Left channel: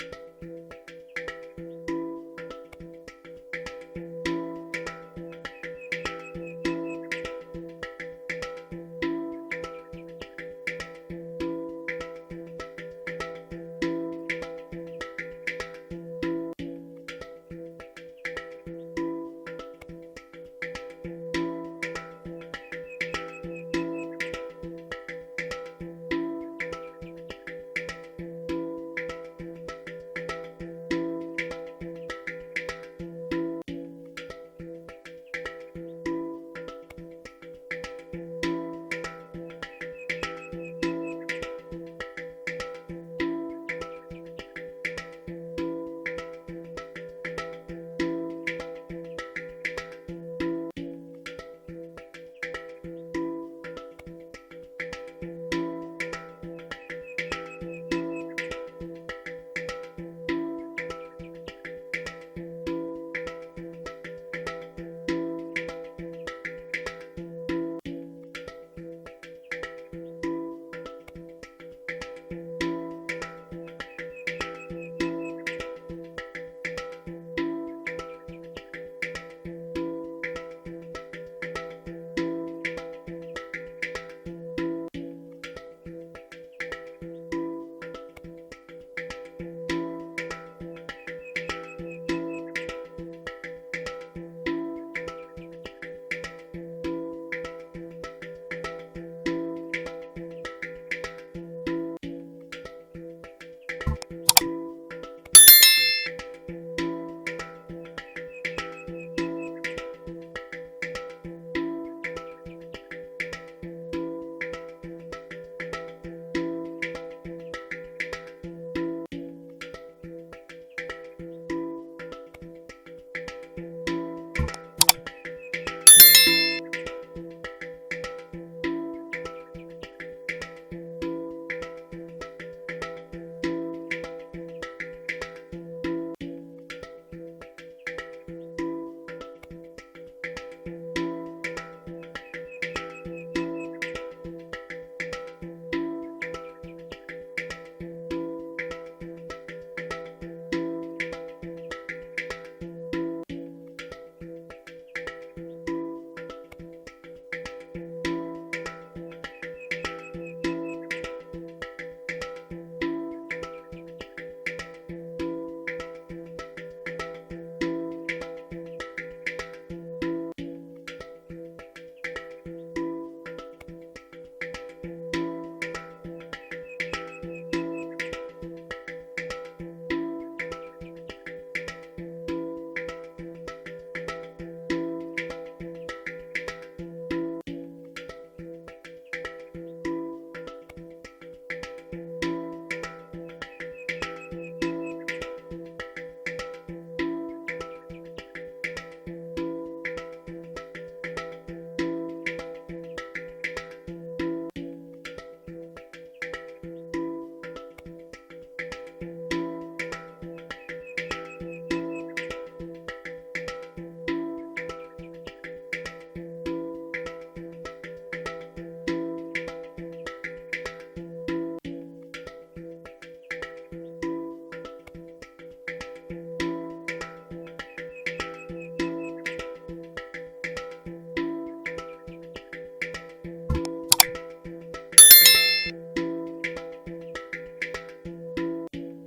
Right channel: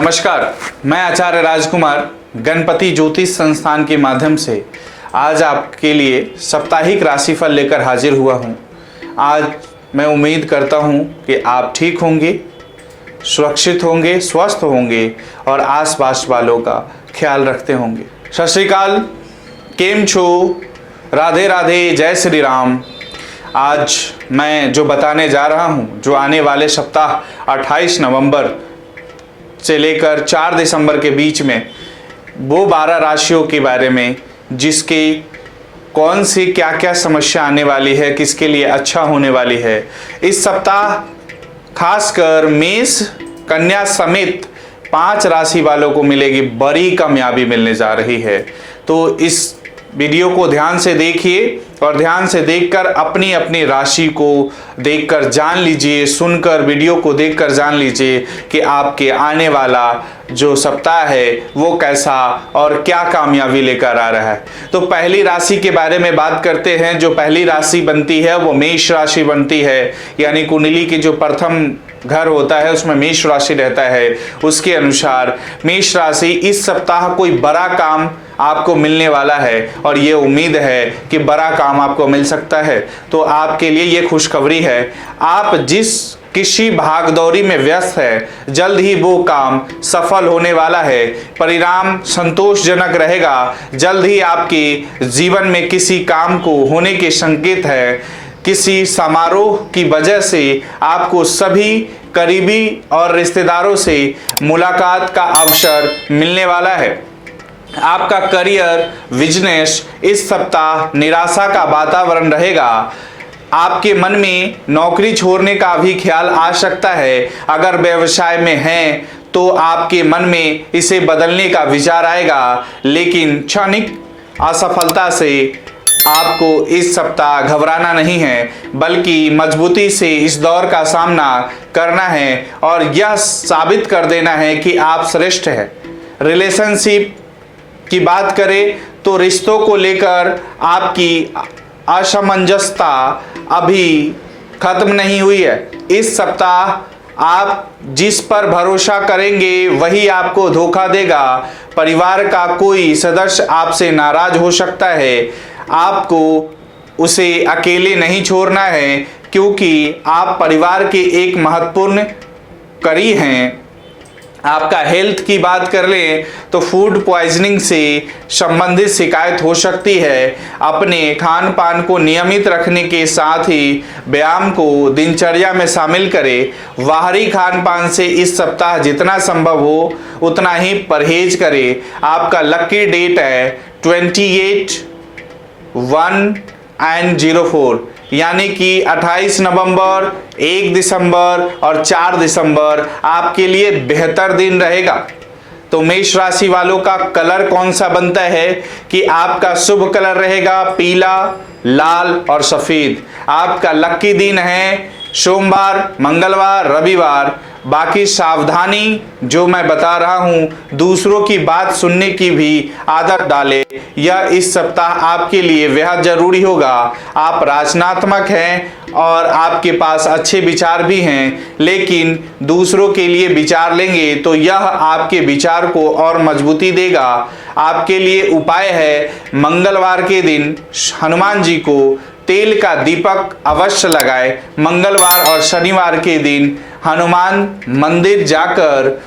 नमस्कार, मैं आचार्य राजकुमार गणपति ज्योतिष संस्थान के माध्यम से आज आपके लिए साप्ताहिक राशिफल लेकर हाजिर हुआ हूं। आज मैं उम्मीद करता हूं कि आप ठीक होंगे, सुरक्षित होंगे, स्वस्थ होंगे और आसपास वालों का ख्याल रखते होंगे। सत श्री अकाल, केम छो, राधे राधे, जय श्री राम। आज मैं जो बताने जा रहा हूं, जो आने वाले सप्ताह 28 नवंबर से लेकर 4 दिसंबर के बीच में वो 12 राशियों के बारे में जिसके कौन सी क्या क्या समस्या आने वाली है, किसके लिए अच्छा होने वाली है। इस सप्ताह खासकर मेष, कन्या समेत 5 राशि वालों को मिलेगी बड़ी कामयाबी मिलने जा रही है। तो इस वीडियो को ध्यान से देखिए और ध्यान से देखकर अपनी अपनी राशि को देखकर जान लीजिए, सुनकर वीडियो को देखकर जान लीजिए कि आपके आने वाला जो सप्ताह है वो कैसा और क्या कामयाबी लेकर आ रहा है। तो पहली राशि के बारे में बात करते हैं। जो पहली राशि बनती है वो मेष राशि बनती है, यानी कुंडली की जो प्रथम घर होता है उसमें मेष राशि रहता है। उसके अनुसार मेष राशि इस सप्ताह कोई बड़ा काम आपको मिलने वाला है और ये उम्मीद है कि बड़ा काम आपको मिल सकता है। तो आपके लिए ये खुशखबरी है, आप जिस किसी भागदौड़ी में व्यस्त है जल्द ही वो काम सफल होने वाला है, परिणाम संतोषजनक रहेगा। जल्द ही आपके जीवन में किसी काम को होने के संकेत है। किसी समारोह की वजह से आपको सभी करीबी और रिश्तेदारों से मुलाकात का अवसर मिलने वाला है। आपका करियर, बिजनेस इस सप्ताह निराशा का वातावरण रहेगा। आपके मन में नौकरी छोड़ने का भी ख्याल आ सकता है। अगर व्यवसाय में हैं तो आपके मन में इसे बदलने का विचार आएगा, लेकिन क्षणिक असफलता से आपको इस सप्ताह घबराना नहीं है, बल्कि मजबूती से इस दौर का सामना करना है और यह साबित कर देना है कि आप श्रेष्ठ हैं। रिलेशनशिप की बात करें तो रिश्तों को लेकर आपकी असमंजसता अभी खत्म नहीं हुई है। इस सप्ताह आप जिस पर भरोसा करेंगे वही आपको धोखा देगा। परिवार का कोई सदस्य आपसे नाराज हो सकता है। आपको उसे अकेले नहीं छोड़ना है, क्योंकि आप परिवार के एक महत्वपूर्ण कड़ी हैं। आपका हेल्थ की बात कर लें तो फूड पॉइजनिंग से संबंधित शिकायत हो सकती है। अपने खान पान को नियमित रखने के साथ ही व्यायाम को दिनचर्या में शामिल करें। बाहरी खान पान से इस सप्ताह जितना संभव हो उतना ही परहेज करें। आपका लकी डेट है 28, 1 और 04, यानी कि 28 नवंबर, 1 दिसंबर और 4 दिसंबर आपके लिए बेहतर दिन रहेगा। तो मेष राशि वालों का कलर कौन सा बनता है कि आपका शुभ कलर रहेगा पीला, लाल और सफेद। आपका लकी दिन है सोमवार, मंगलवार, रविवार। बाकी सावधानी जो मैं बता रहा हूं, दूसरों की बात सुनने की भी आदत डालें। यह इस सप्ताह आपके लिए बेहद जरूरी होगा। आप रचनात्मक हैं और आपके पास अच्छे विचार भी हैं, लेकिन दूसरों के लिए विचार लेंगे तो यह आपके विचार को और मजबूती देगा। आपके लिए उपाय है मंगलवार के दिन हनुमान जी को तेल का दीपक अवश्य लगाए। मंगलवार और शनिवार के दिन हनुमान मंदिर जाकर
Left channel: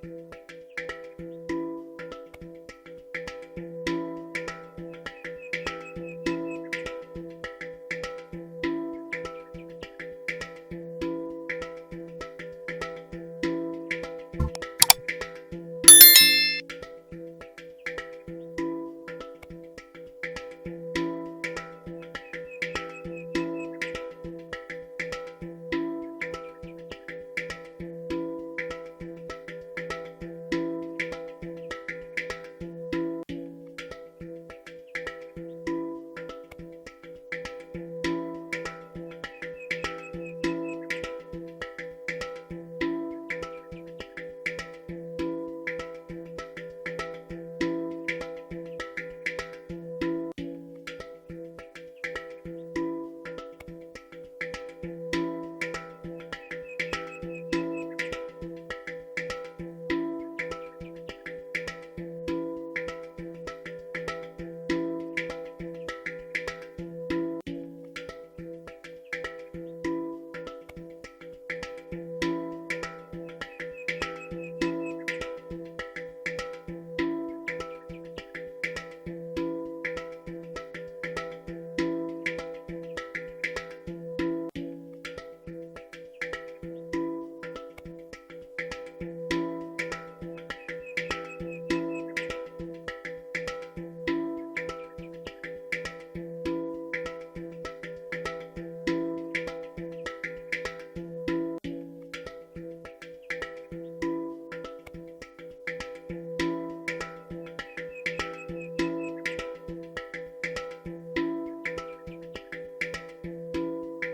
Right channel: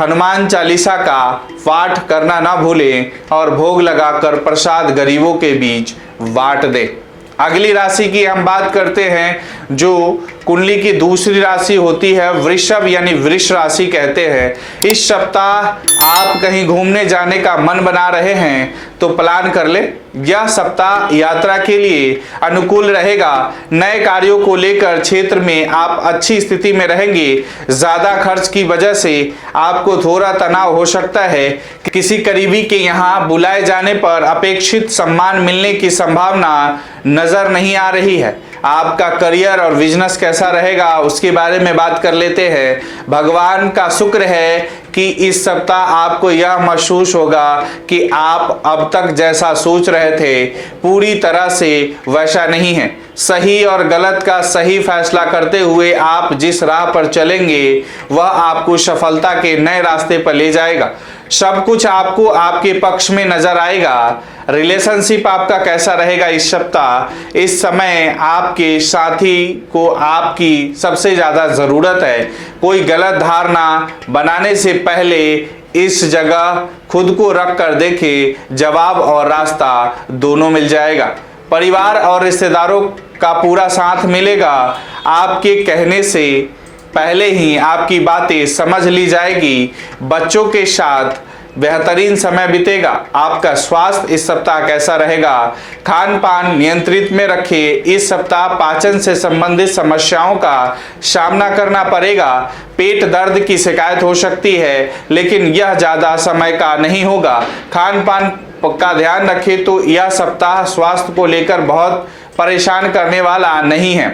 हनुमान चालीसा का पाठ करना ना भूलें और भोग लगाकर प्रसाद गरीबों के बीच बांट दें। अगली राशि की हम बात करते हैं, जो कुंडली की दूसरी राशि होती है वृषभ, यानी वृष राशि कहते हैं। इस सप्ताह आप कहीं घूमने जाने का मन बना रहे हैं तो प्लान कर ले। यह सप्ताह यात्रा के लिए अनुकूल रहेगा। नए कार्यों को लेकर क्षेत्र में आप अच्छी स्थिति में रहेंगे। ज्यादा खर्च की वजह से आपको थोड़ा तनाव हो सकता है। किसी करीबी के यहाँ बुलाए जाने पर अपेक्षित सम्मान मिलने की संभावना नजर नहीं आ रही है। आपका करियर और बिजनेस कैसा रहेगा उसके बारे में बात कर लेते हैं। भगवान का शुक्र है कि इस सप्ताह आपको यह महसूस होगा कि आप अब तक जैसा सोच रहे थे पूरी तरह से वैसा नहीं है। सही और गलत का सही फैसला करते हुए आप जिस राह पर चलेंगे वह आपको सफलता के नए रास्ते पर ले जाएगा। सब कुछ आपको आपके पक्ष में नजर आएगा। रिलेशनशिप आपका कैसा रहेगा इस सप्ताह? इस समय आपके साथी को आपकी सबसे ज्यादा जरूरत है। कोई गलत धारणा बनाने से पहले इस जगह खुद को रख कर देखे, जवाब और रास्ता दोनों मिल जाएगा। परिवार और रिश्तेदारों का पूरा साथ मिलेगा। आपके कहने से पहले ही आपकी बातें समझ ली जाएगी। बच्चों के साथ बेहतरीन समय बीतेगा। आपका स्वास्थ्य इस सप्ताह कैसा रहेगा? खान पान नियंत्रित में रखिए। इस सप्ताह पाचन से संबंधित समस्याओं का सामना करना पड़ेगा। पेट दर्द की शिकायत हो सकती है, लेकिन यह ज्यादा समय का नहीं होगा। खान पान का ध्यान रखें तो यह सप्ताह स्वास्थ्य को लेकर बहुत परेशान करने वाला नहीं है।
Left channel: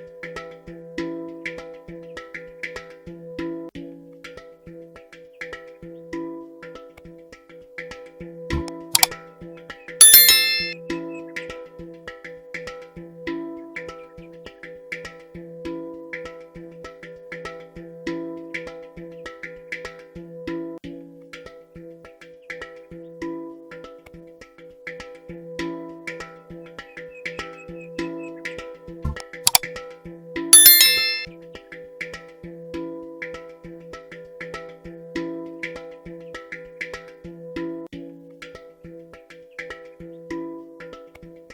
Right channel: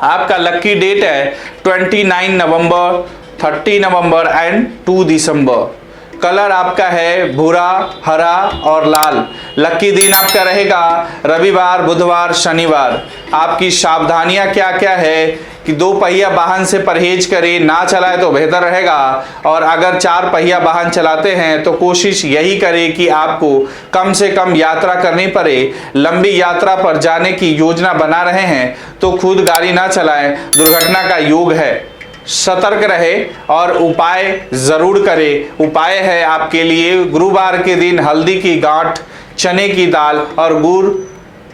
आपका लकी डेट है 29 नवंबर, 30 नवंबर एंड 2 दिसंबर। कलर आपका है भूरा, हरा और लाल। लकी दिन आपका रहेगा रविवार, बुधवार, शनिवार। आपकी सावधानियां क्या क्या है कि 2 पहिया वाहन से परहेज करें, ना चलाए तो बेहतर रहेगा। और अगर 4 पहिया वाहन चलाते हैं तो कोशिश यही करें कि आपको कम से कम यात्रा करनी पड़े। लंबी यात्रा पर जाने की योजना बना रहे हैं तो खुद गाड़ी ना चलाएं, दुर्घटना का योग है। सतर्क रहे और उपाय जरूर करें। उपाय है आपके लिए गुरुवार के दिन हल्दी की गांठ, चने की दाल और गुड़,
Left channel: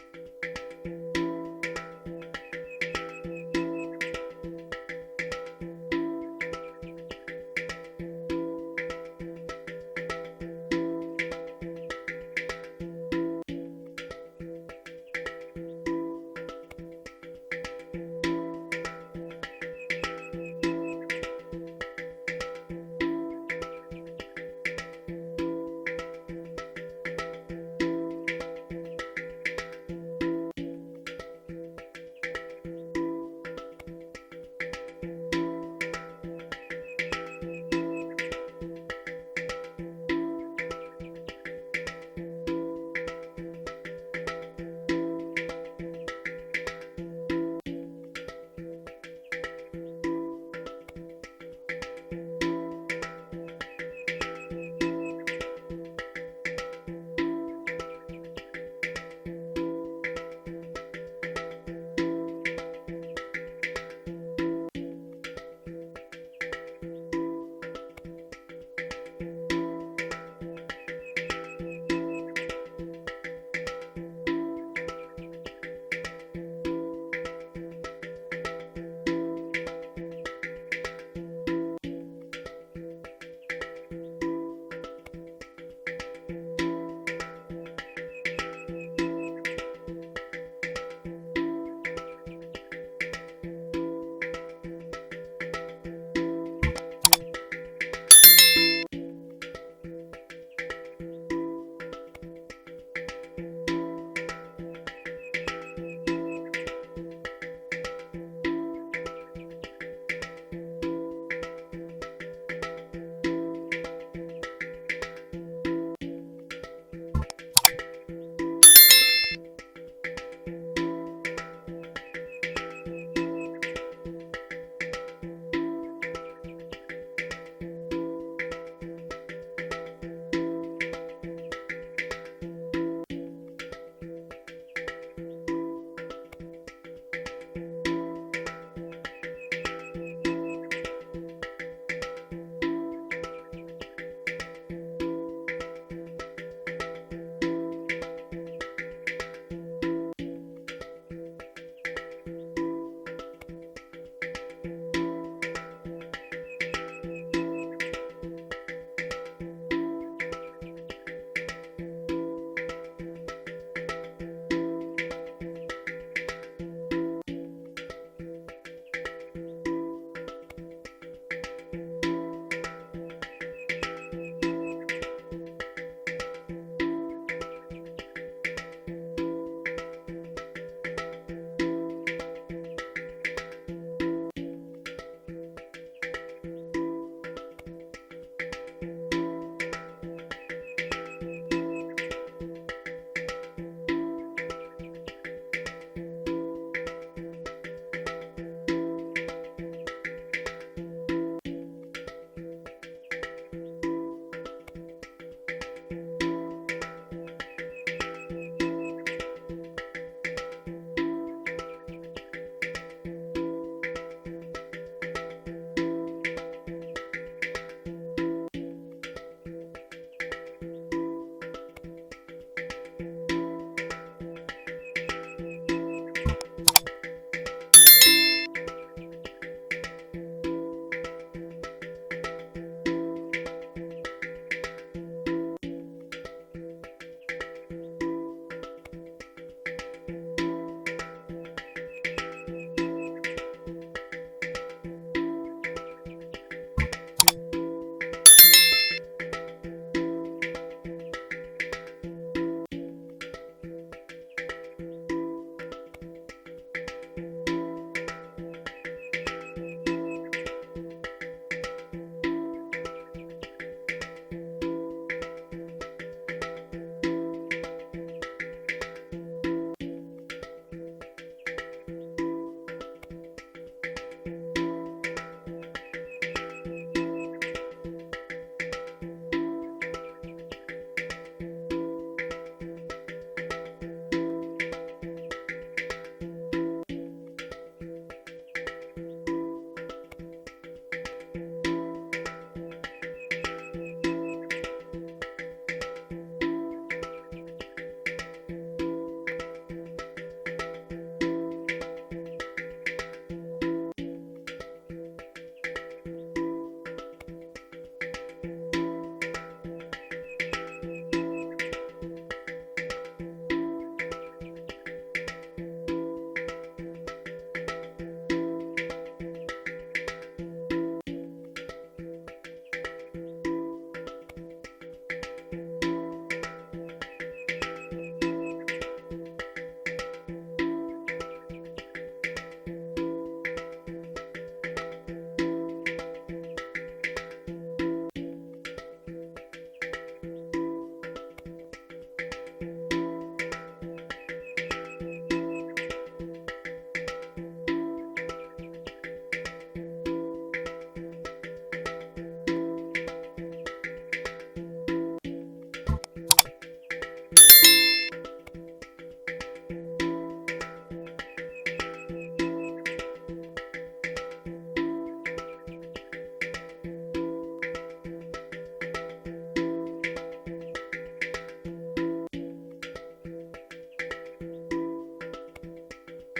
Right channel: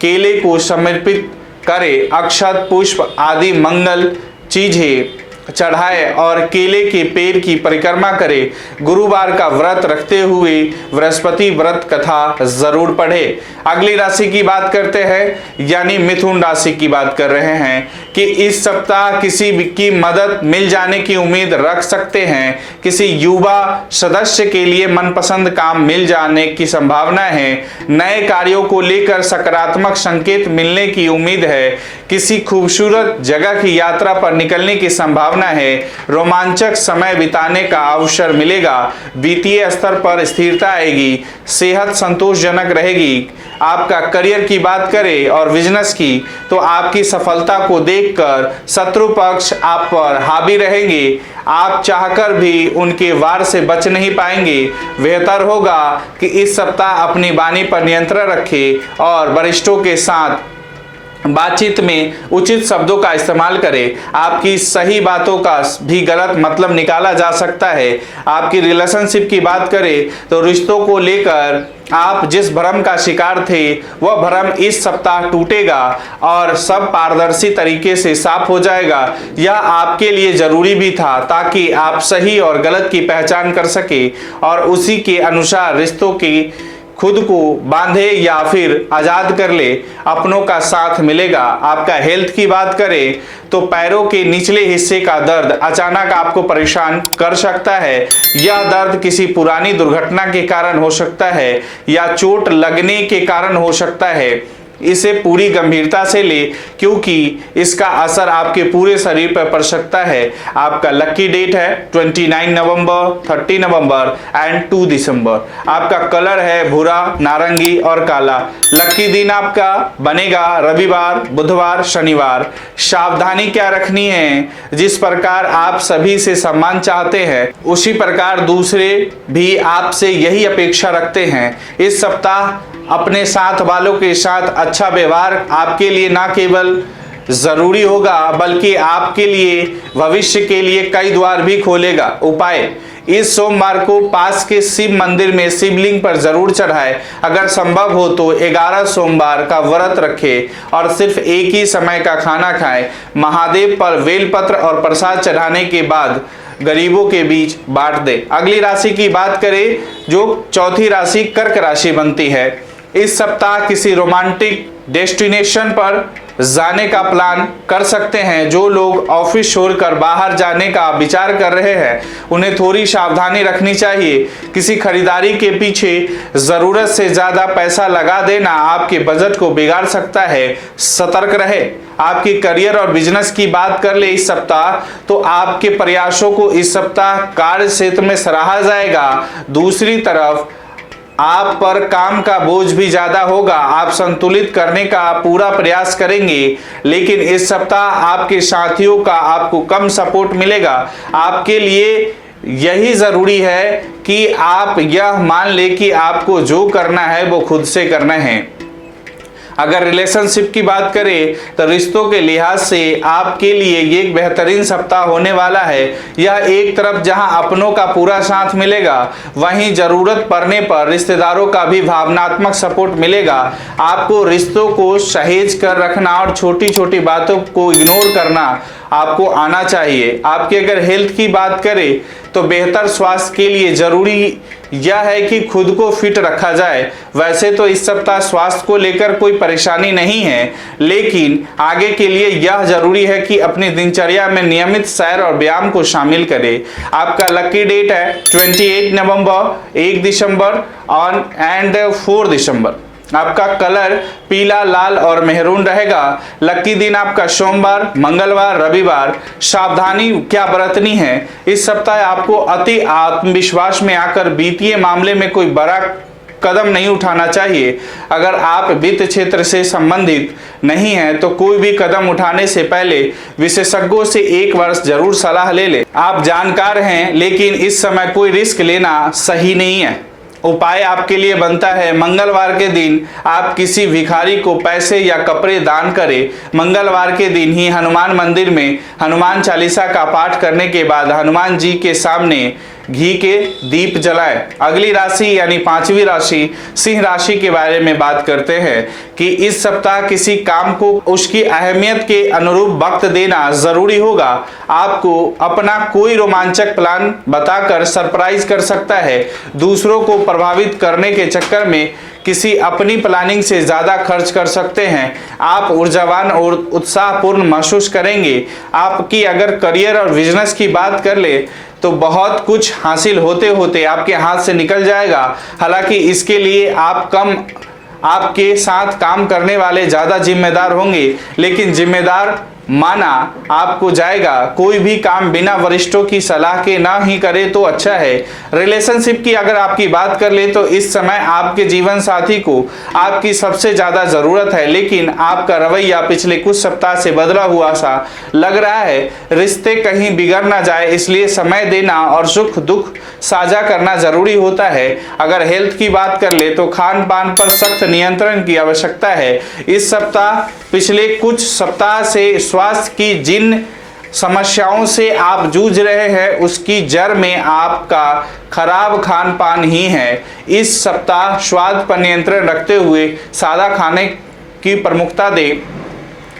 केले को समर्पित करें। अक्षत, पुष्प आदि मंगल चीजें चढ़ाए और केले के पेड़ की परिक्रमा करें। गुरुवार का व्रत रखते हुए बृहस्पति व्रत कथा जरूर पढ़े। अगली राशि की बात करते हैं, यानी मिथुन राशि की बात कर रहे हैं कि इस सप्ताह किसी की मदद मिल जाने की उम्मीद रख सकते हैं। किसी युवा सदस्य के लिए मनपसंद काम मिल जाने की संभावना है। नए कार्यों को लेकर सकारात्मक संकेत मिलने की उम्मीद है। किसी खूबसूरत जगह की यात्रा पर निकलने की संभावना है। रोमांचक समय बिताने का अवसर मिलेगा। वित्तीय स्तर पर स्थिरता आएगी। सेहत संतोषजनक रहेगी। आपका करियर की बात करें और बिजनेस की तो आपकी सफलता को देखकर शत्रु पक्ष आप पर हावी रहेंगे। आप चाहकर भी उनके वार से बच नहीं पाएंगे। बेहतर होगा कि इस सप्ताह अपनी वाणी पर नियंत्रण रखें और वरिष्ठों के साथ बातचीत में उचित शब्दों का इस्तेमाल करें। आपकी सही बातों का भी गलत मतलब निकाला जा सकता है। आपकी रिलेशनशिप की बात करें तो रिश्तों को लेकर आप जिस भ्रम का शिकार थे वह भ्रम इस सप्ताह टूटेगा और सब पारदर्शी तरीके से साफ हो जाएगा। यह आपके लिए जरूरी भी था ताकि आप सही और गलत की पहचान कर सके और उसी के अनुसार रिश्तों की खुद को बांधे या फिर आजाद कर ले। अपनों का साथ मिलेगा। आपका हेल्थ की बात करें तो पैरों के निचले हिस्से का दर्द अचानक आपको परेशान कर सकता है। यह दर्द किसी पुरानी दुर्घटना के कारण हो सकता है या चोट लगने के कारण हो सकता है। इसे पूरी गंभीरता से ले क्योंकि इसका असर आपके पूरे शरीर पर पड़ सकता है। आपका लकी डेट है 29 नवंबर, 30 नवंबर एंड 2 दिसंबर। आपका कलर है भूरा, नारंगी और काला। लकी दिन आपका बनेगा रविवार, बुधवार, शनिवार। सावधानी क्या रखनी है? जिस प्रकार आप सभी से सम्मान चाहते हैं उसी प्रकार दूसरे भी आपसे यही अपेक्षा रखते हैं। इस सप्ताह अपने साथ वालों के साथ अच्छा व्यवहार आपके लिए न केवल जरूरी होगा बल्कि आपके लिए भविष्य के लिए कई द्वार भी खोलेगा। उपाय, इस सोमवार को पास के शिव मंदिर में शिवलिंग पर जरूर चढ़ाए। अगर संभव हो तो 11 सोमवार का व्रत रखें और सिर्फ एक ही समय का खाना खाएं। महादेव पर बेलपत्र और प्रसाद चढ़ाने के बाद गरीबों के बीच बांट दे। अगली राशि की बात करें जो चौथी राशि कर्क राशि बनती है। इस सप्ताह किसी रोमांटिक डेस्टिनेशन पर जाने का प्लान कर सकते हैं। जो लोग ऑफिस छोड़कर बाहर जाने का विचार कर रहे हैं उन्हें थोड़ी सावधानी रखनी चाहिए। किसी खरीदारी के पीछे जरूरत से ज्यादा पैसा लगा देना आपके बजट को बिगाड़ सकता है, सतर्क रहे। आपकी करियर और बिजनेस की बात कर ले इस सप्ताह, तो आपके प्रयासों को इस सप्ताह कार्य क्षेत्र में सराहा जाएगा। दूसरी तरफ आप पर काम का बोझ भी ज्यादा होगा। आप संतुलित करने का पूरा प्रयास करेंगे, लेकिन इस सप्ताह आपके साथियों का आपको कम सपोर्ट मिलेगा। आपके लिए यही जरूरी है कि आप यह मान ले कि आपको जो करना है वो खुद से करना है। अगर रिलेशनशिप की बात करें तो रिश्तों के लिहाज से आपके लिए ये एक बेहतरीन सप्ताह होने वाला है। यह एक तरफ जहां अपनों का पूरा साथ मिलेगा, वहीं जरूरत पड़ने पर रिश्तेदारों का भी भावनात्मक सपोर्ट मिलेगा। आपको रिश्तों को सहेज कर रखना और छोटी छोटी बातों को इग्नोर करना आपको आना चाहिए। आपकी अगर हेल्थ की बात करें तो बेहतर स्वास्थ्य के लिए जरूरी यह है कि खुद को फिट रखा जाए। वैसे तो इस सप्ताह स्वास्थ्य को लेकर कोई परेशानी नहीं है, लेकिन आगे के लिए यह जरूरी है कि अपनी दिनचर्या में नियमित सैर और व्यायाम को शामिल करें। आपका लकी डेट है 28 नवंबर, 1 दिसंबर और 4 दिसंबर। आपका कलर पीला, लाल और मेहरून रहेगा। लकी दिन आपका सोमवार, मंगलवार, रविवार। सावधानी क्या बरतनी है इस सप्ताह? आपको अति आत्मविश्वास में आकर वित्तीय मामले में कोई बड़ा कदम नहीं उठाना चाहिए। अगर आप वित्त क्षेत्र से संबंधित नहीं हैं तो कोई भी कदम उठाने से पहले विशेषज्ञों से 1 वर्ष जरूर सलाह ले लें। आप जानकार हैं, लेकिन इस समय कोई रिस्क लेना सही नहीं है। उपाय आपके लिए बनता है मंगलवार के दिन आप किसी भिखारी को पैसे या कपड़े दान करें। मंगलवार के दिन ही हनुमान मंदिर में हनुमान चालीसा का पाठ करने के बाद हनुमान जी के सामने घी के दीप जलाएं। अगली राशि यानी 5वीं राशि सिंह राशि के बारे में बात करते हैं कि इस सप्ताह किसी काम को उसकी अहमियत के अनुरूप वक्त देना जरूरी होगा। आपको अपना कोई रोमांचक प्लान बताकर सरप्राइज कर सकता है। दूसरों को प्रभावित करने के चक्कर में किसी अपनी प्लानिंग से ज्यादा खर्च कर सकते हैं। आप ऊर्जावान और उत्साहपूर्ण महसूस करेंगे। आपकी अगर करियर और बिजनेस की बात कर ले तो बहुत कुछ हासिल होते होते आपके हाथ से निकल जाएगा। हालांकि इसके लिए आपके साथ काम करने वाले ज्यादा जिम्मेदार होंगे, लेकिन जिम्मेदार माना आपको जाएगा। कोई भी काम बिना वरिष्ठों की सलाह के ना ही करे तो अच्छा है। रिलेशनशिप की अगर आपकी बात कर ले तो इस समय आपके जीवन साथी को आपकी सबसे ज्यादा जरूरत है, लेकिन आपका रवैया पिछले कुछ सप्ताह से बदला हुआ सा लग रहा है। रिश्ते कहीं बिगड़ ना जाए, इसलिए समय देना और सुख दुख साझा करना जरूरी होता है। अगर हेल्थ की बात कर ले तो खान पान पर सख्त नियंत्रण की आवश्यकता है। इस सप्ताह पिछले कुछ सप्ताह से स्वास्थ्य की जिन समस्याओं से आप जूझ रहे हैं उसकी जड़ में आपका खराब खान पान ही है। इस सप्ताह स्वाद पर नियंत्रण रखते हुए सादा खाने की प्रमुखता दें।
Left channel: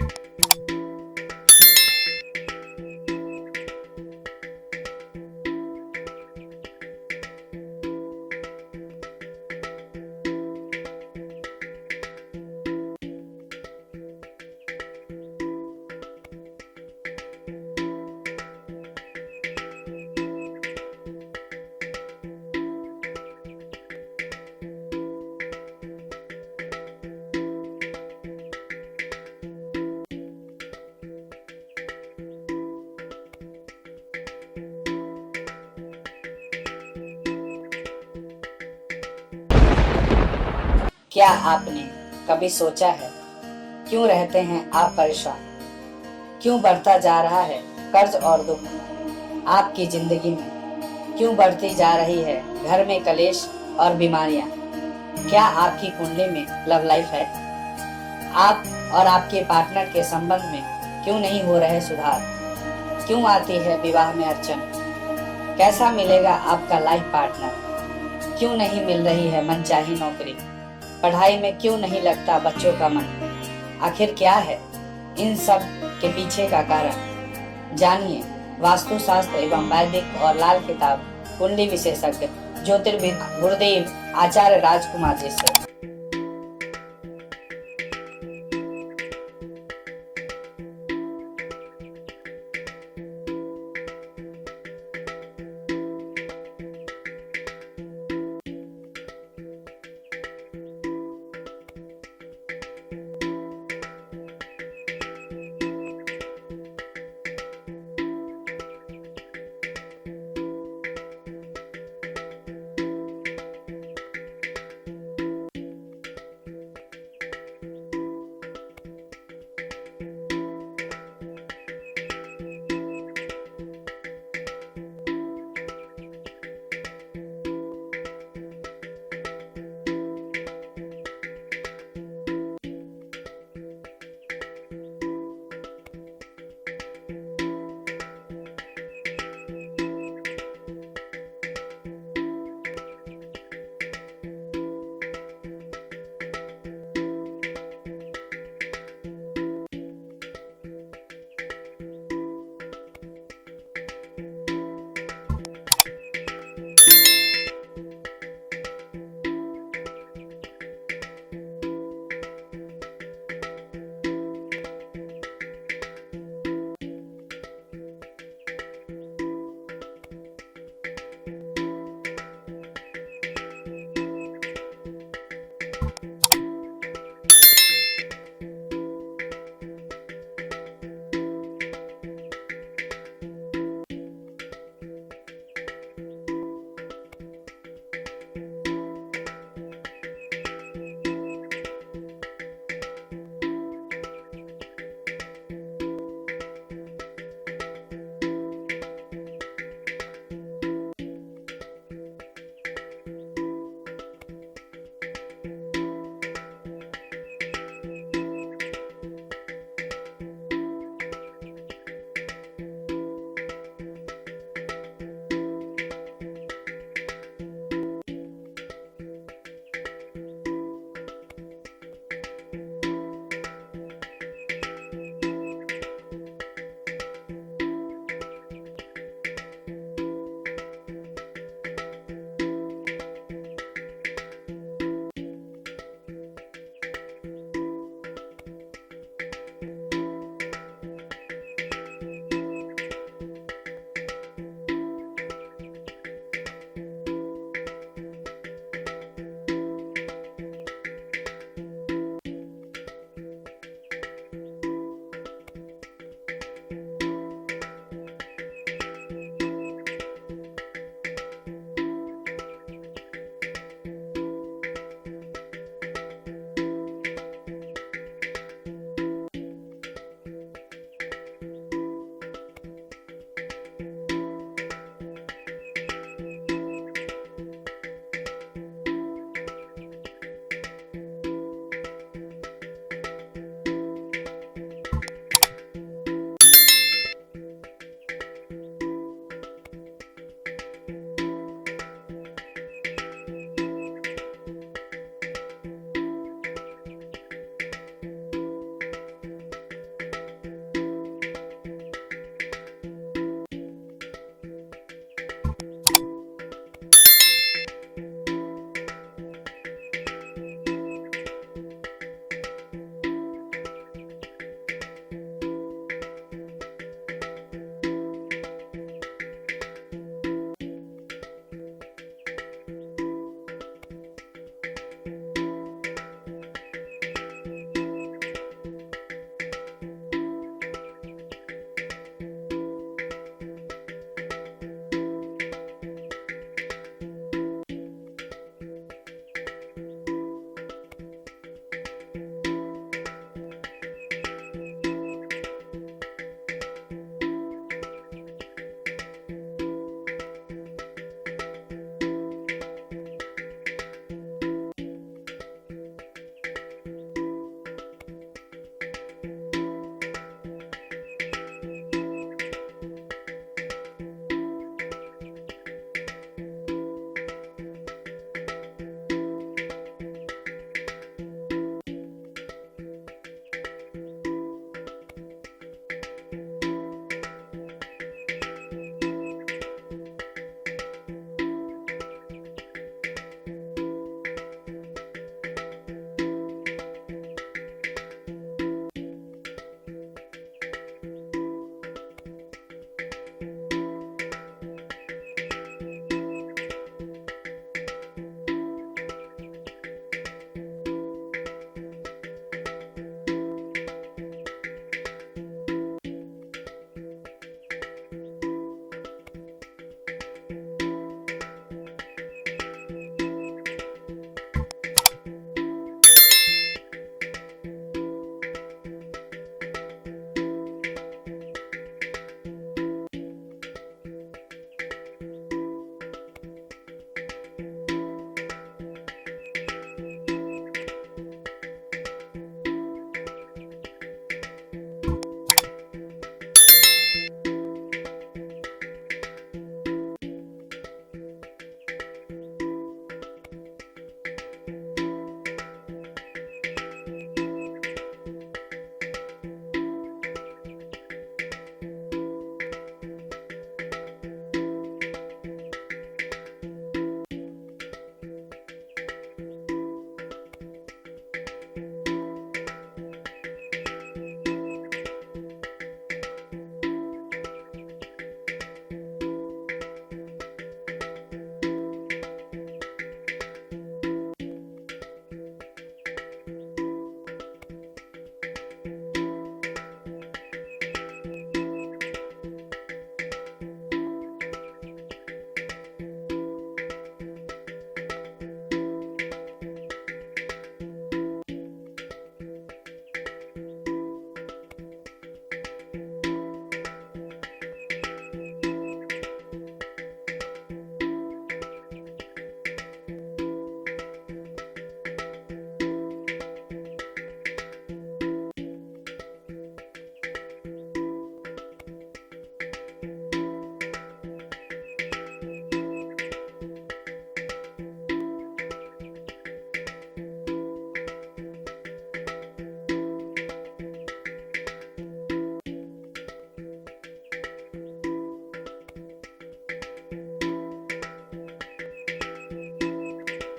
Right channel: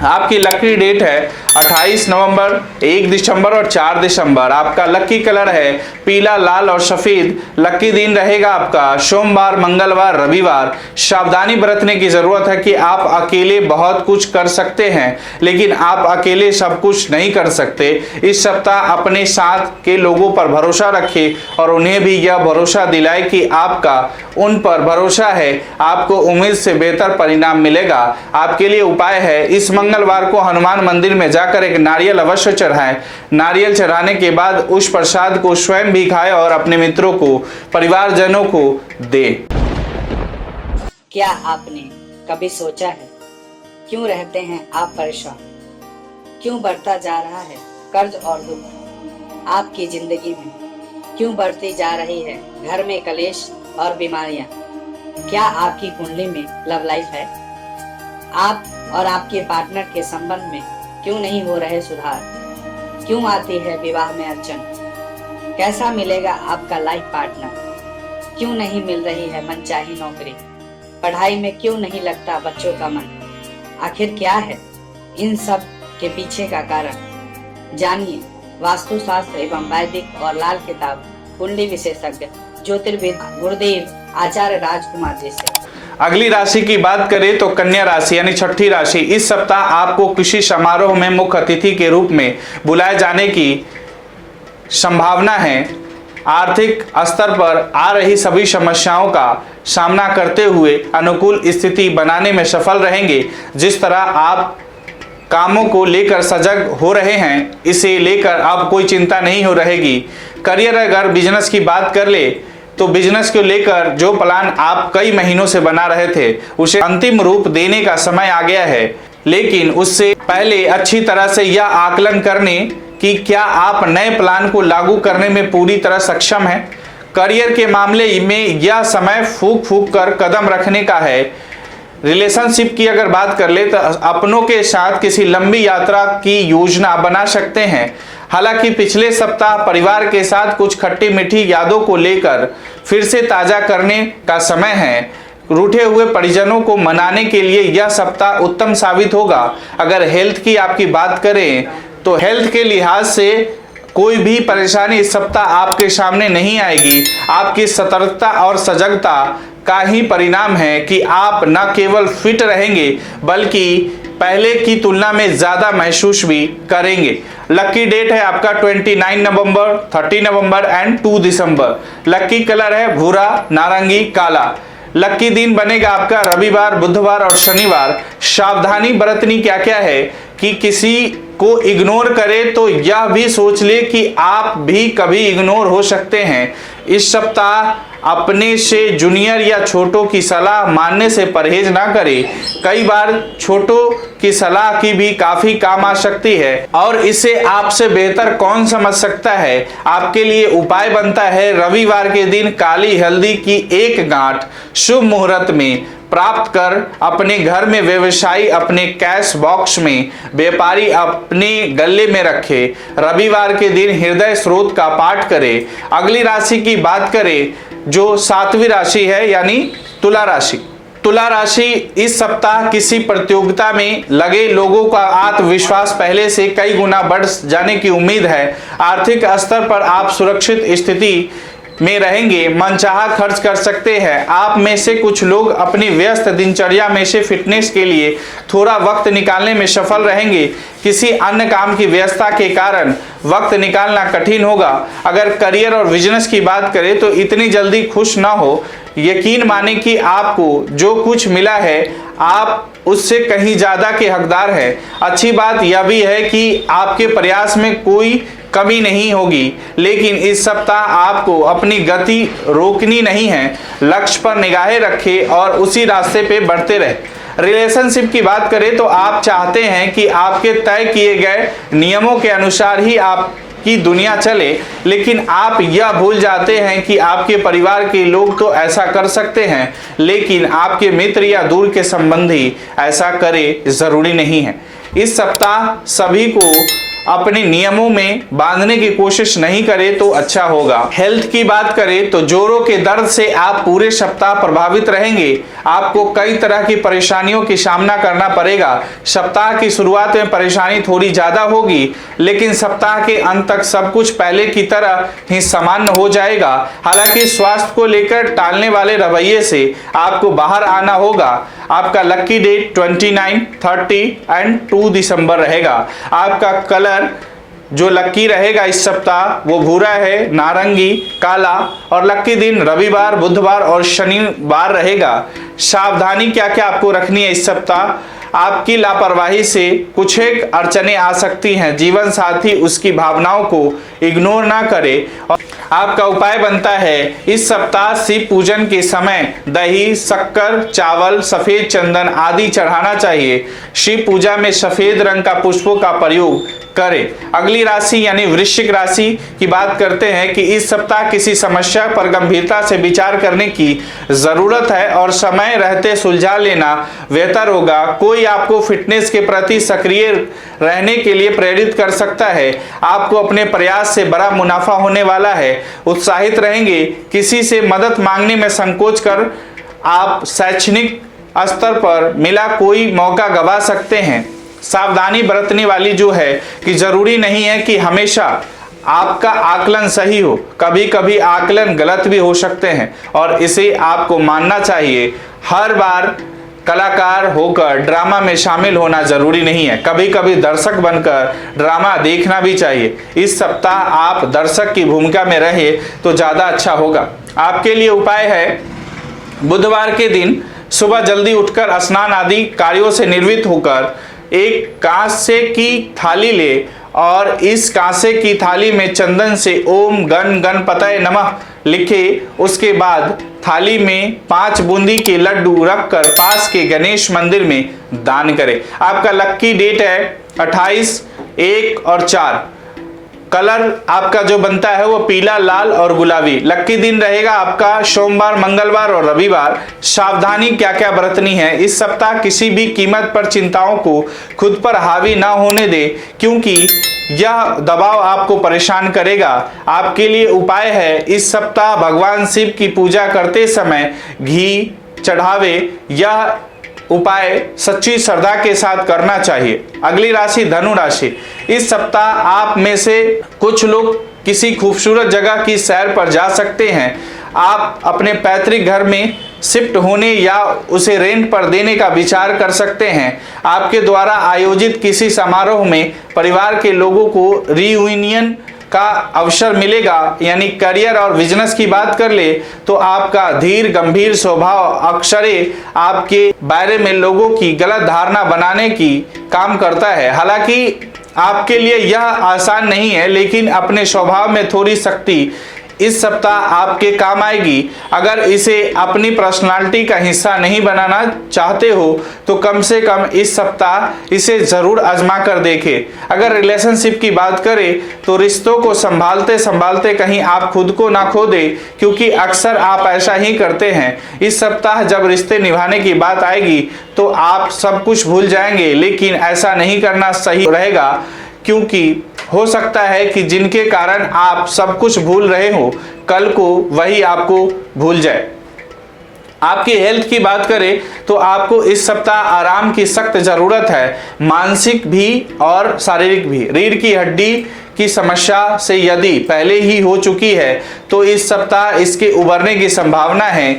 आपकी लकी डेट है 28 नवंबर, 1 दिसंबर और 4 दिसंबर। आपका लकी कलर है पीला, लाल और सफेद। लकी दिन रहेगा आपका सोमवार, मंगलवार, रविवार। सावधानी बरतने की जरूरत है कि आप अकेले बहुत कुछ कर सकते हैं, लेकिन आप अकेले सब कुछ नहीं कर सकते। इस सप्ताह अपने साथ के लोगों पर भरोसा रखें और उन्हें भी यह भरोसा दिलाए कि आपका उन पर भरोसा है। आपको उम्मीद से बेहतर परिणाम मिलेगा। आपके लिए उपाय है इस मंगलवार को हनुमान मंदिर में जाकर एक नारियल अवश्य चढ़ाएं। नारियल चढ़ाने के बाद उस प्रसाद को स्वयं भी खाएं और अपने मित्रों को, परिवारजनों को दें। क्या आपने कभी सोचा है क्यों रहते हैं आप परेशान? क्यों बढ़ता जा रहा है कर्ज और दुख आपकी जिंदगी में? क्यों बढ़ती जा रही है घर में कलेश और बीमारियां? क्या आपकी कुंडली में लव लाइफ है? आप और आपके पार्टनर के संबंध में क्यों नहीं हो रहे सुधार? क्यों आती है विवाह में अड़चन? कैसा मिलेगा आपका लाइफ पार्टनर? क्यों नहीं मिल रही है मनचाही नौकरी? पढ़ाई में क्यों नहीं लगता बच्चों का मन? आखिर क्या है इन सब के पीछे का कारण? जानिए वास्तु शास्त्र एवं वैदिक और लाल किताब कुंडली विशेषज्ञ ज्योतिर्विद गुरुदेव आचार्य राजकुमार जी से। अगली राशि की बात करें तो कन्या राशि यानी छठी राशि। इस सप्ताह आपको किसी समारोह में मुख्य अतिथि के रूप में बुलाए जाने की संभावना है। आर्थिक स्तर पर आ रही सभी समस्याओं का सामना करते हुए अनुकूल स्थिति बनाने में सफल रहेंगे। जिस तरह आप कामों को लेकर सजग हो रहे हैं, इसे लेकर अब कोई चिंता नहीं हो रहेगी। करियर, अगर बिजनेस की बात कर ले तो बिजनेस को लेकर जो प्लान आप कई महीनों से बना रहे थे उसे अंतिम रूप देने का समय आ गया है। लेकिन उससे पहले अच्छी तरह से यह आकलन करने कि क्या आप नए प्लान को लागू करने में पूरी तरह सक्षम हैं। करियर के मामले में यह समय फूंक फूंक कर कदम रखने का है। रिलेशनशिप की अगर बात कर ले तो अपनों के साथ किसी लंबी यात्रा की योजना बना सकते हैं। हालांकि पिछले सप्ताह परिवार के साथ कुछ खट्टी मीठी यादों को लेकर फिर से ताजा करने का समय है। रूठे हुए परिजनों को मनाने के लिए यह सप्ताह उत्तम साबित होगा। अगर हेल्थ की आपकी बात करें तो हेल्थ के लिहाज से कोई भी परेशानी इस सप्ताह आपके सामने नहीं आएगी। आपकी सतर्कता और सजगता का ही परिणाम है कि आप न केवल फिट रहेंगे बल्कि पहले की तुलना में ज्यादा महसूस भी करेंगे। लकी डेट है आपका 29 नवंबर, 30 नवंबर एंड 2 दिसंबर। लकी कलर है भूरा, नारंगी, काला। लकी दिन बनेगा आपका रविवार, बुधवार और शनिवार। सावधानी बरतनी क्या क्या है कि किसी को इग्नोर करे तो यह भी सोच ले कि आप भी कभी इग्नोर हो सकते हैं। इस सप्ताह अपने से जूनियर या छोटों की सलाह मानने से परहेज ना करें। कई बार छोटों की सलाह की भी काफी काम आ सकती है और इसे आपसे बेहतर कौन समझ सकता है। आपके लिए उपाय बनता है रविवार के दिन काली हल्दी की एक गांठ शुभ मुहूर्त में प्राप्त कर अपने घर में, व्यवसायी अपने कैश बॉक्स में, व्यापारी अपने गले में रखे। रविवार के दिन हृदय स्रोत का पाठ करें। अगली राशि की बात करें जो 7वीं राशि है यानी तुला राशि। तुला राशि इस सप्ताह किसी प्रतियोगिता में लगे लोगों का आत्मविश्वास पहले से कई गुना बढ़ जाने की उम्मीद है। आर्थिक स्तर पर आप सुरक्षित स्थिति में रहेंगे, मनचाहा खर्च कर सकते हैं। आप में से कुछ लोग अपनी व्यस्त दिनचर्या में से फिटनेस के लिए थोड़ा वक्त निकालने में सफल रहेंगे। किसी अन्य काम की व्यस्तता के कारण वक्त निकालना कठिन होगा। अगर करियर और बिजनेस की बात करें तो इतनी जल्दी खुश ना हो। यकीन माने कि आपको जो कुछ मिला है आप उससे कहीं ज्यादा के हकदार हैं। अच्छी बात यह भी है कि आपके प्रयास में कोई कमी नहीं होगी, लेकिन इस सप्ताह आपको अपनी गति रोकनी नहीं है। लक्ष्य पर निगाहें रखें और उसी रास्ते पे बढ़ते रहे। रिलेशनशिप की बात करें तो आप चाहते हैं कि आपके तय किए गए नियमों के अनुसार ही आपकी दुनिया चले, लेकिन आप यह भूल जाते हैं कि आपके परिवार के लोग तो ऐसा कर सकते हैं, लेकिन आपके मित्र या दूर के संबंधी ऐसा करे जरूरी नहीं है। इस सप्ताह सभी को अपने नियमों में बांधने की कोशिश नहीं करें तो अच्छा होगा। हेल्थ की बात करें तो जोड़ों के दर्द से आप पूरे सप्ताह प्रभावित रहेंगे। आपको कई तरह की परेशानियों की सामना करना पड़ेगा। सप्ताह की शुरुआत में परेशानी थोड़ी ज्यादा होगी, लेकिन सप्ताह के अंत तक सब कुछ पहले की तरह ही सामान्य हो जाएगा। हालांकि स्वास्थ्य को लेकर टालने वाले रवैये से आपको बाहर आना होगा। आपका लकी डेट 29, 30 एंड 2 दिसंबर रहेगा। आपका कलर जो लकी रहेगा इस सप्ताह वो भूरा है, नारंगी, काला और लकी दिन रविवार, बुधवार और शनिवार रहेगा। सावधानी क्या क्या आपको रखनी है इस सप्ताह। आपकी लापरवाही से कुछ एक अड़चने आ सकती हैं। जीवन साथी उसकी भावनाओं को इग्नोर ना करे और आपका उपाय बनता है इस सप्ताह शिव पूजन के समय दही, शक्कर, चावल, सफेद चंदन आदि चढ़ाना चाहिए। शिव पूजा में सफेद रंग का पुष्पों का प्रयोग करें। अगली राशि यानी वृश्चिक राशि की बात करते हैं कि इस सप्ताह किसी समस्या पर गंभीरता से विचार करने की जरूरत है और समय रहते सुलझा लेना बेहतर होगा। कोई आपको फिटनेस के प्रति सक्रिय रहने के लिए प्रेरित कर सकता है। आपको अपने प्रयास से बड़ा मुनाफा होने वाला है। उत्साहित रहेंगे। किसी से मदद मांगने में संकोच कर आप शैक्षणिक स्तर पर मिला कोई मौका गवा सकते हैं। सावधानी बरतने वाली जो है कि जरूरी नहीं है कि हमेशा आपका आकलन सही हो, कभी कभी आकलन गलत भी हो सकते हैं और इसे आपको मानना चाहिए। हर बार कलाकार होकर ड्रामा में शामिल होना जरूरी नहीं है, कभी कभी दर्शक बनकर ड्रामा देखना भी चाहिए। इस सप्ताह आप दर्शक की भूमिका में रहे तो ज़्यादा अच्छा होगा। आपके लिए उपाय है, बुधवार के दिन सुबह जल्दी उठकर स्नान आदि कार्यों से निर्वृत्त होकर एक कांसे की थाली ले और इस कांसे की थाली में चंदन से ओम गण गणपतये नमः लिखे। उसके बाद थाली में 5 बूंदी के लड्डू रखकर पास के गणेश मंदिर में दान करें। आपका लक्की डेट है 28, 1 और 4। कलर आपका जो बनता है वो पीला, लाल और गुलाबी। लक्की दिन रहेगा आपका सोमवार, मंगलवार और रविवार। सावधानी क्या क्या बरतनी है, इस सप्ताह किसी भी कीमत पर चिंताओं को खुद पर हावी ना होने दे, क्योंकि यह दबाव आपको परेशान करेगा। आपके लिए उपाय है, इस सप्ताह भगवान शिव की पूजा करते समय घी चढ़ावे। यह उपाय सच्ची श्रद्धा के साथ करना चाहिए। अगली राशि धनु राशि। इस सप्ताह आप में से कुछ लोग किसी खूबसूरत जगह की सैर पर जा सकते हैं। आप अपने पैतृक घर में शिफ्ट होने या उसे रेंट पर देने का विचार कर सकते हैं। आपके द्वारा आयोजित किसी समारोह में परिवार के लोगों को रियूनियन का अवसर मिलेगा। यानी करियर और बिजनेस की बात कर ले तो आपका धीर गंभीर स्वभाव अक्सरे आपके बारे में लोगों की गलत धारणा बनाने की काम करता है। हालांकि आपके लिए यह आसान नहीं है, लेकिन अपने स्वभाव में थोड़ी शक्ति इस सप्ताह आपके काम आएगी। अगर इसे अपनी पर्सनालिटी का हिस्सा नहीं बनाना चाहते हो तो कम से कम इस सप्ताह इसे जरूर आजमा कर देखें। अगर रिलेशनशिप की बात करें तो रिश्तों को संभालते संभालते कहीं आप खुद को ना खो दे, क्योंकि अक्सर आप ऐसा ही करते हैं। इस सप्ताह जब रिश्ते निभाने की बात आएगी तो आप सब कुछ भूल जाएंगे, लेकिन ऐसा नहीं करना सही रहेगा, क्योंकि हो सकता है कि जिनके कारण आप सब कुछ भूल रहे हो कल को वही आपको भूल जाए। आपकी हेल्थ की बात करें तो आपको इस सप्ताह आराम की सख्त जरूरत है, मानसिक भी और शारीरिक भी। रीढ़ की हड्डी की समस्या से यदि पहले ही हो चुकी है तो इस सप्ताह इसके उबरने की संभावना है।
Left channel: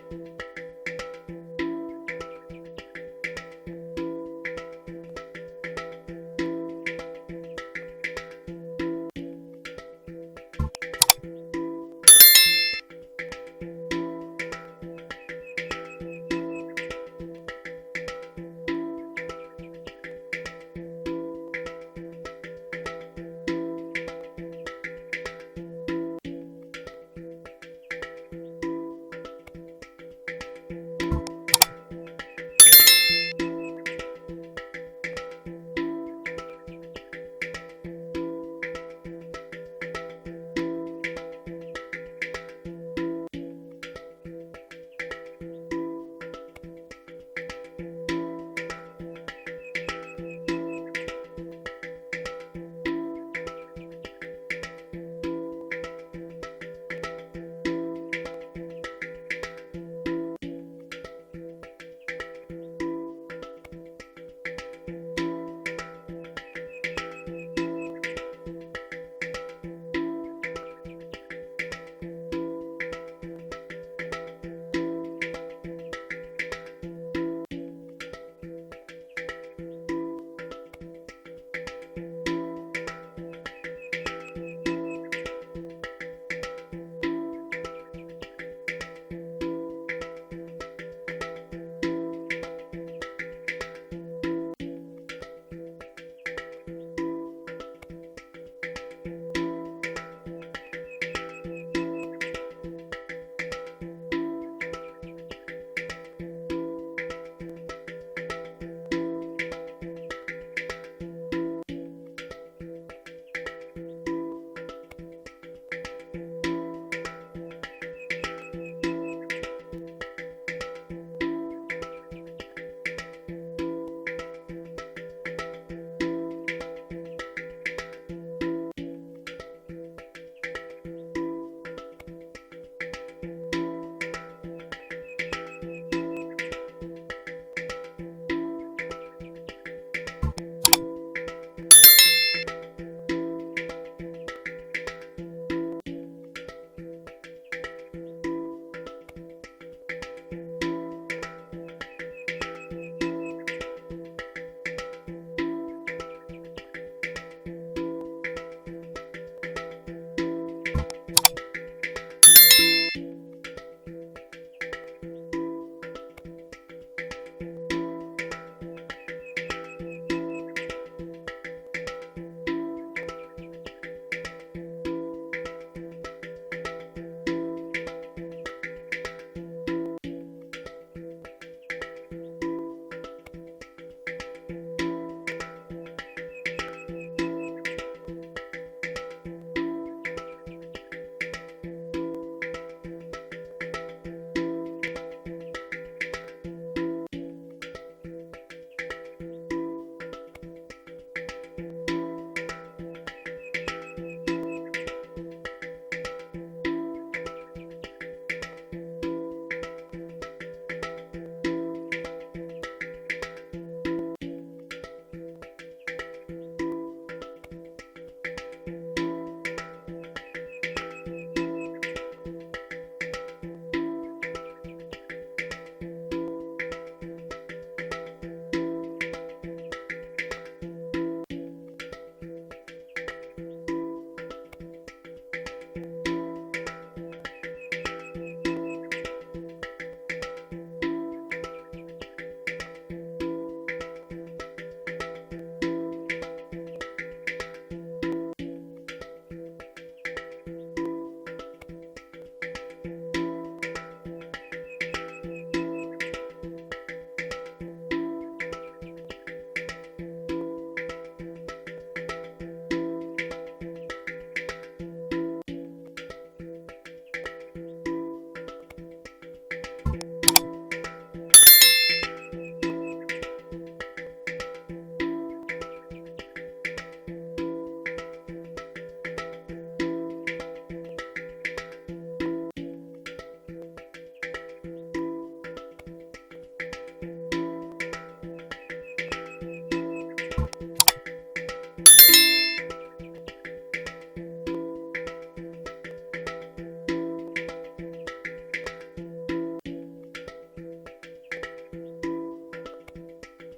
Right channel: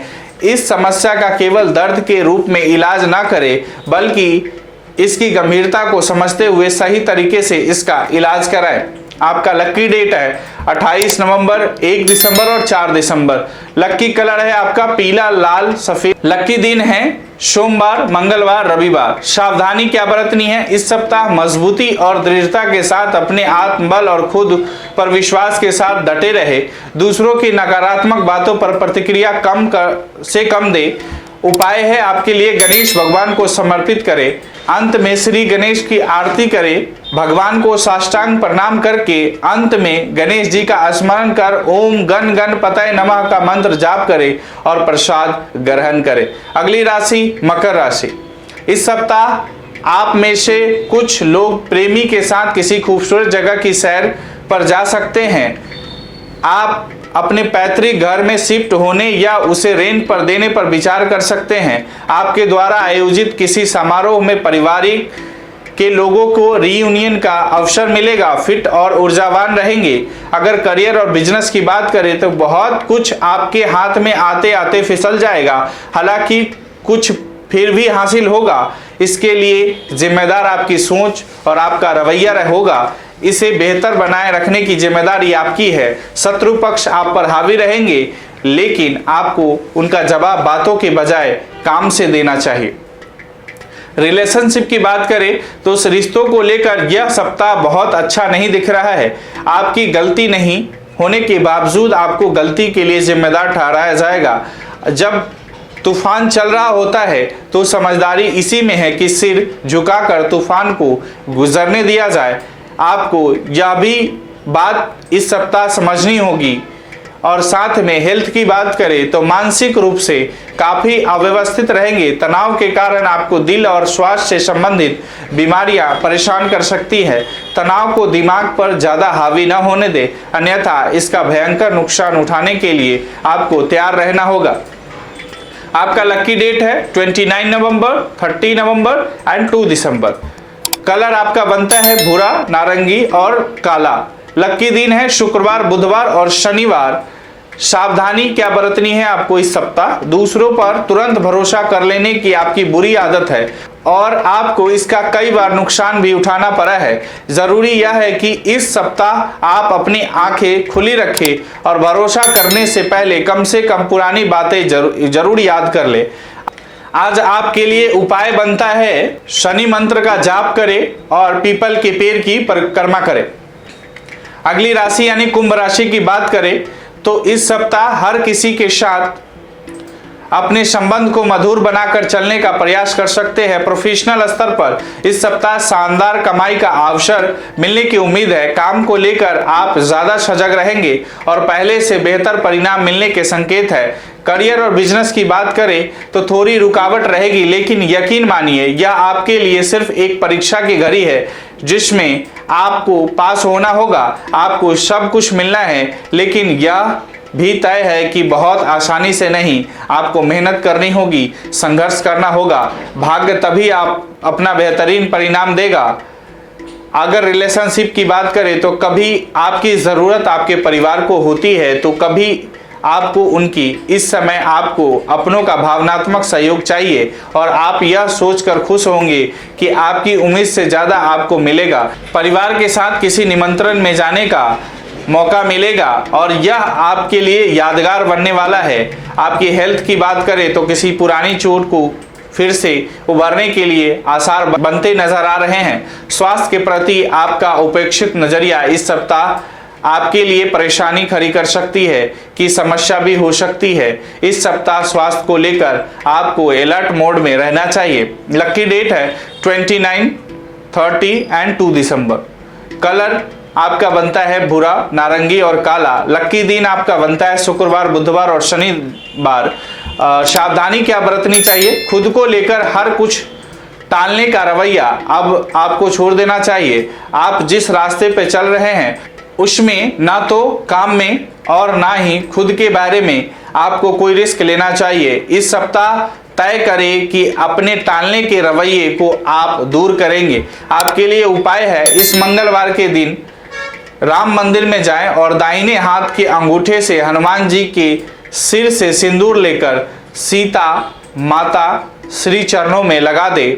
इस समस्या का केवल दर्द के रूप में इलाज ना करें, बल्कि इसकी गंभीरता को समझते हुए सही तरीके से इसका इलाज कराएं। आपका लक्की डेट है 28 नवंबर, 1 दिसंबर और 4 दिसंबर। लक्की कलर है आपका पीला, लाल, सफेद। लक्की दिन है सोमवार, मंगलवार, रविवार। सावधानी क्या बरतनी है, इस सप्ताह मजबूती और दृढ़ता के साथ अपने आत्मबल और खुद पर विश्वास के साथ डटे रहे। दूसरों की नकारात्मक बातों पर प्रतिक्रिया कम दे। उपाय है आपके लिए, गणेश भगवान को समर्पित करें। अंत में श्री गणेश की आरती करें। भगवान को साष्टांग प्रणाम करके अंत में गणेश जी का स्मरण कर ओम गण गणपतये नमः का मंत्र जाप करें और प्रसाद ग्रहण करें। अगली राशि मकर राशि। इस सप्ताह आप में से कुछ लोग प्रेमी के साथ किसी खूबसूरत जगह की सैर पर जा सकते हैं। आप अपने पैतृक घर में शिफ्ट होने या उसे रेंट पर देने पर विचार कर सकते हैं। आपके द्वारा आयोजित किसी समारोह में परिवारिक के लोगों को रीयूनियन का अवसर मिलेगा। फिट और ऊर्जावान रहेंगे। अगर करियर और बिजनेस की बात करें तो बहुत कुछ आपके हाथ में आते आते फिसल जाएगा, हालांकि कुछ फिर भी हासिल होगा। इसके लिए जिम्मेदार आपकी सोच और आपका रवैया होगा। इसे बेहतर बनाए रखने की जिम्मेदारी आपकी है। शत्रु पक्ष आप पर हावी रहेंगे, लेकिन आपको उनका जवाब बातों के बजाय काम से देना चाहिए। रिलेशनशिप की बात करें तो उस रिश्तों को लेकर यह सप्ताह बहुत अच्छा नहीं दिख रहा है। आपकी गलती नहीं होने के बावजूद आपको गलती के लिए जिम्मेदार ठहराया जाएगा। जब तूफान चल रहा होता है तो समझदारी इसी में है कि सिर झुकाकर तूफान को गुजरने दिया जाए। आपको यह भी बात इस सप्ताह समझनी होगी। और साथ में हेल्थ की बात करें तो मानसिक रूप से काफी अव्यवस्थित रहेंगे। तनाव के कारण आपको दिल और स्वास्थ्य से संबंधित बीमारियां परेशान कर सकती है। तनाव को दिमाग पर ज्यादा हावी न होने दे, अन्यथा इसका भयंकर नुकसान उठाने के लिए आपको तैयार रहना होगा। आपका लकी डेट है 29 नवंबर, 30 नवंबर एंड 2 दिसंबर। कलर आपका बनता है भूरा, नारंगी और काला। लकी दिन है शुक्रवार, बुधवार और शनिवार। सावधानी क्या बरतनी है आपको इस सप्ताह? दूसरों पर तुरंत भरोसा कर लेने की आपकी बुरी आदत है और आपको इसका कई बार नुकसान भी उठाना पड़ा है। जरूरी यह है कि इस सप्ताह आप अपनी आंखें खुली रखें और भरोसा करने से पहले कम से कम पुरानी बातें जरूर याद कर ले। आज आपके लिए उपाय बनता है शनि मंत्र का जाप करें और पीपल के पेड़ की परिक्रमा करें। अगली राशि यानी कुंभ राशि की बात करें तो इस सप्ताह हर किसी के साथ अपने संबंध को मधुर बनाकर चलने का प्रयास कर सकते हैं। प्रोफेशनल स्तर पर इस सप्ताह शानदार कमाई का अवसर मिलने की उम्मीद है। काम को लेकर आप ज्यादा सजग रहेंगे और पहले से बेहतर परिणाम मिलने के संकेत है। करियर और बिजनेस की बात करें तो थोड़ी रुकावट रहेगी, लेकिन यकीन मानिए यह आपके लिए सिर्फ एक परीक्षा की घड़ी है जिसमें आपको पास होना होगा। आपको सब कुछ मिलना है, लेकिन यह भी तय है कि बहुत आसानी से नहीं। आपको मेहनत करनी होगी, संघर्ष करना होगा। भाग्य तभी आप अपना बेहतरीन परिणाम देगा। अगर रिलेशनशिप की बात करें तो कभी आपकी ज़रूरत आपके परिवार को होती है तो कभी आपको उनकी। इस समय आपको अपनों का भावनात्मक सहयोग चाहिए और आप यह सोचकर खुश होंगे कि आपकी उम्मीद से ज़्यादा आपको मिलेगा। परिवार के साथ किसी निमंत्रण में जाने का मौका मिलेगा और यह आपके लिए यादगार बनने वाला है। आपकी हेल्थ की बात करें तो किसी पुरानी चोट को फिर से उभरने के लिए आसार बनते नजर आ रहे हैं। स्वास्थ्य के प्रति आपका उपेक्षित नजरिया इस सप्ताह आपके लिए परेशानी खड़ी कर सकती है कि समस्या भी हो सकती है। इस सप्ताह स्वास्थ्य को लेकर आपको अलर्ट मोड में रहना चाहिए। लकी डेट है 29, 30 एंड 2 दिसंबर। कलर आपका बनता है भूरा, नारंगी और काला। लकी दिन आपका बनता है शुक्रवार, बुधवार और शनिवार। सावधानी क्या बरतनी चाहिए? खुद को लेकर हर कुछ टालने का रवैया अब आपको छोड़ देना चाहिए। आप जिस रास्ते पे चल रहे हैं उसमें ना तो काम में और ना ही खुद के बारे में आपको कोई रिस्क लेना चाहिए। इस सप्ताह तय करें कि अपने टालने के रवैये को आप दूर करेंगे। आपके लिए उपाय है इस मंगलवार के दिन राम मंदिर में जाएं और दाहिने हाथ के अंगूठे से हनुमान जी के सिर से सिंदूर लेकर सीता माता श्री चरणों में लगा दे।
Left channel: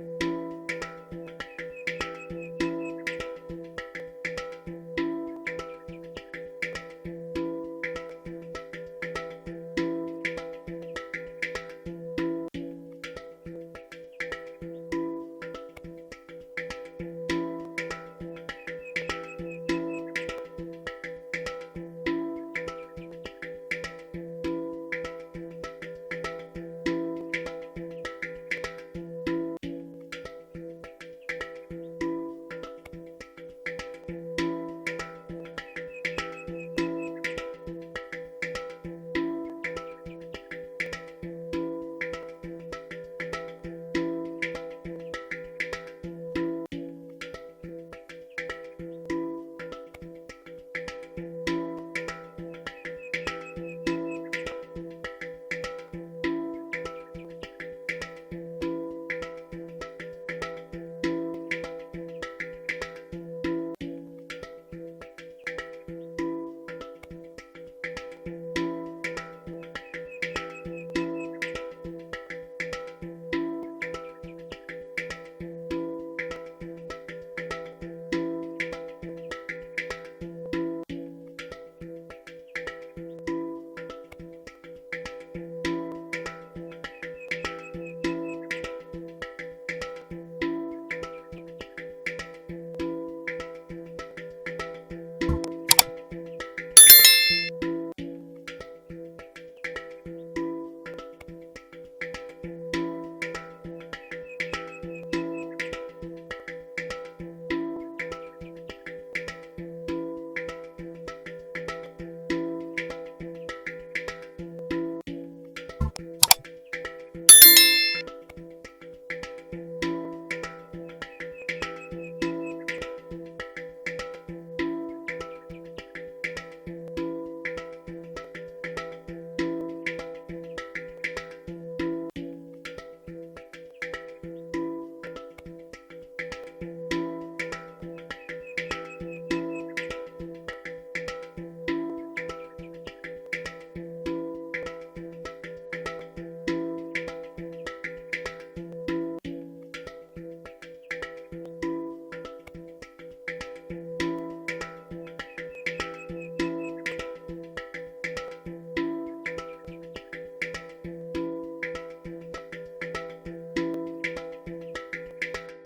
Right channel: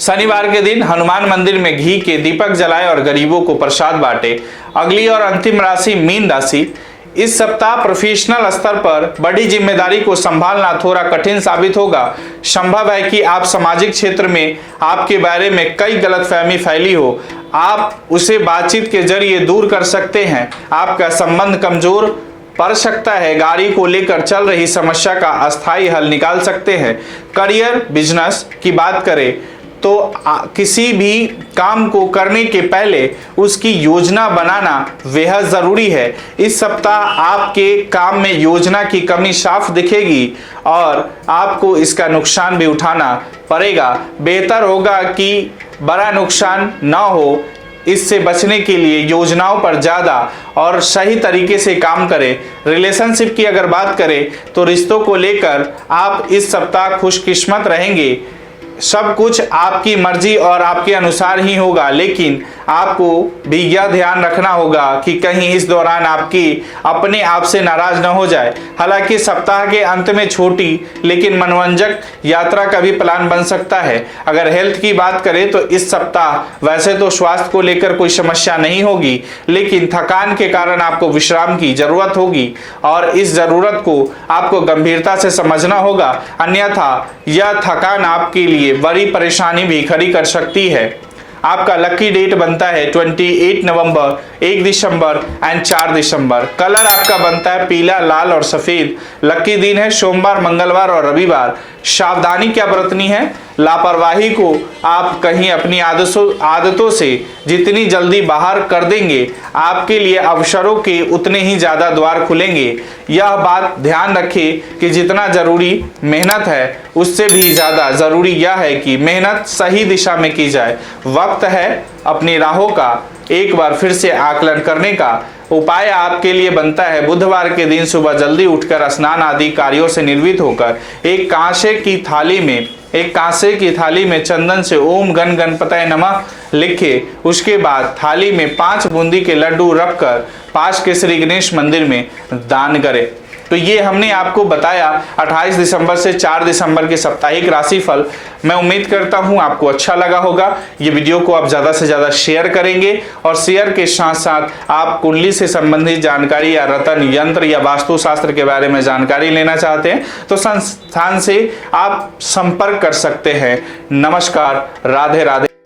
शनिवार के दिन हनुमान मंदिर में घी के दीपक जलाएं और गरीबों को प्रसाद बांटे। अगली और अंतिम राशि मीन राशि। इस सप्ताह प्रोफेशनल स्तर पर बड़ी जिम्मेदारी को संभालना थोड़ा कठिन साबित होगा। संभव है कि आप सामाजिक क्षेत्र में आपके बारे में कई गलतफहमी फैली हो। आप उसे बातचीत के जरिए दूर कर सकते हैं। आपका संबंध कमजोर पड़ सकता है। गाड़ी को लेकर चल रही समस्या का अस्थायी हल निकाल सकते हैं। करियर बिजनेस की बात करें तो किसी भी काम को करने के पहले उसकी योजना बनाना बेहद ज़रूरी है। इस सप्ताह आपके काम में योजना की कमी साफ दिखेगी और आपको इसका नुकसान भी उठाना पड़ेगा। बेहतर होगा कि बड़ा नुकसान ना हो। इससे बचने के लिए योजनाओं पर ज़्यादा और सही तरीके से काम करें। रिलेशनशिप की अगर बात करें तो रिश्तों को लेकर आप इस सप्ताह खुशकिस्मत रहेंगे। सब कुछ आपकी मर्जी और आपके अनुसार ही होगा, लेकिन आपको भी यह ध्यान रखना होगा कि कहीं इस दौरान आपकी अपने आप से नाराज न हो जाए। हालांकि सप्ताह के अंत में छोटी लेकिन मनोरंजक यात्रा का भी प्लान बन सकता है। अगर हेल्थ की बात करें तो इस सप्ताह वैसे तो स्वास्थ्य को लेकर कोई समस्या नहीं होगी, लेकिन थकान के कारण आपको विश्राम की जरूरत होगी और इस जरूरत को आपको गंभीरता से समझना होगा, अन्यथा यह थकान आपके लिए बड़ी परेशानी भी खड़ी कर सकती है। आपका लकी डेट बनता है 28 नवंबर, 1 दिसंबर एंड 4 दिसंबर। कलर आपका बनता है पीला, लाल और सफेद। लकी दिन है सोमवार, मंगलवार और रविवार। सावधानी क्या बरतनी है? लापरवाही को आप कहीं अपनी आदतों से जितनी जल्दी बाहर कर देंगे, आपके लिए अवसरों के उतने ही ज़्यादा द्वार खुलेंगे। यह बात ध्यान रखें कि जितना ज़रूरी मेहनत है उससे भी ज़्यादा ज़रूरी यह है कि मेहनत सही दिशा में की जाए। वक्त है अपनी राहों का एक बार फिर से आकलन करने का। उपाय आपके लिए बनता है बुधवार के दिन सुबह जल्दी उठकर स्नान आदि कार्यों से निर्वित होकर एक कांसे की थाली में चंदन से ओम गण गणपतये नमः लिखे, उसके बाद थाली में 5 बूंदी के लड्डू रखकर पास के श्री गणेश मंदिर में दान करें। तो ये हमने आपको बताया 28 दिसंबर से 4 दिसंबर के साप्ताहिक राशिफल। मैं उम्मीद करता हूं आपको अच्छा लगा होगा। ये वीडियो को आप ज़्यादा से ज़्यादा शेयर करेंगे और शेयर के साथ साथ आप कुंडली से संबंधित जानकारी या रतन यंत्र या वास्तुशास्त्र के बारे में जानकारी लेना चाहते हैं तो संस्थान से आप संपर्क कर सकते हैं। नमस्कार, राधे राधे।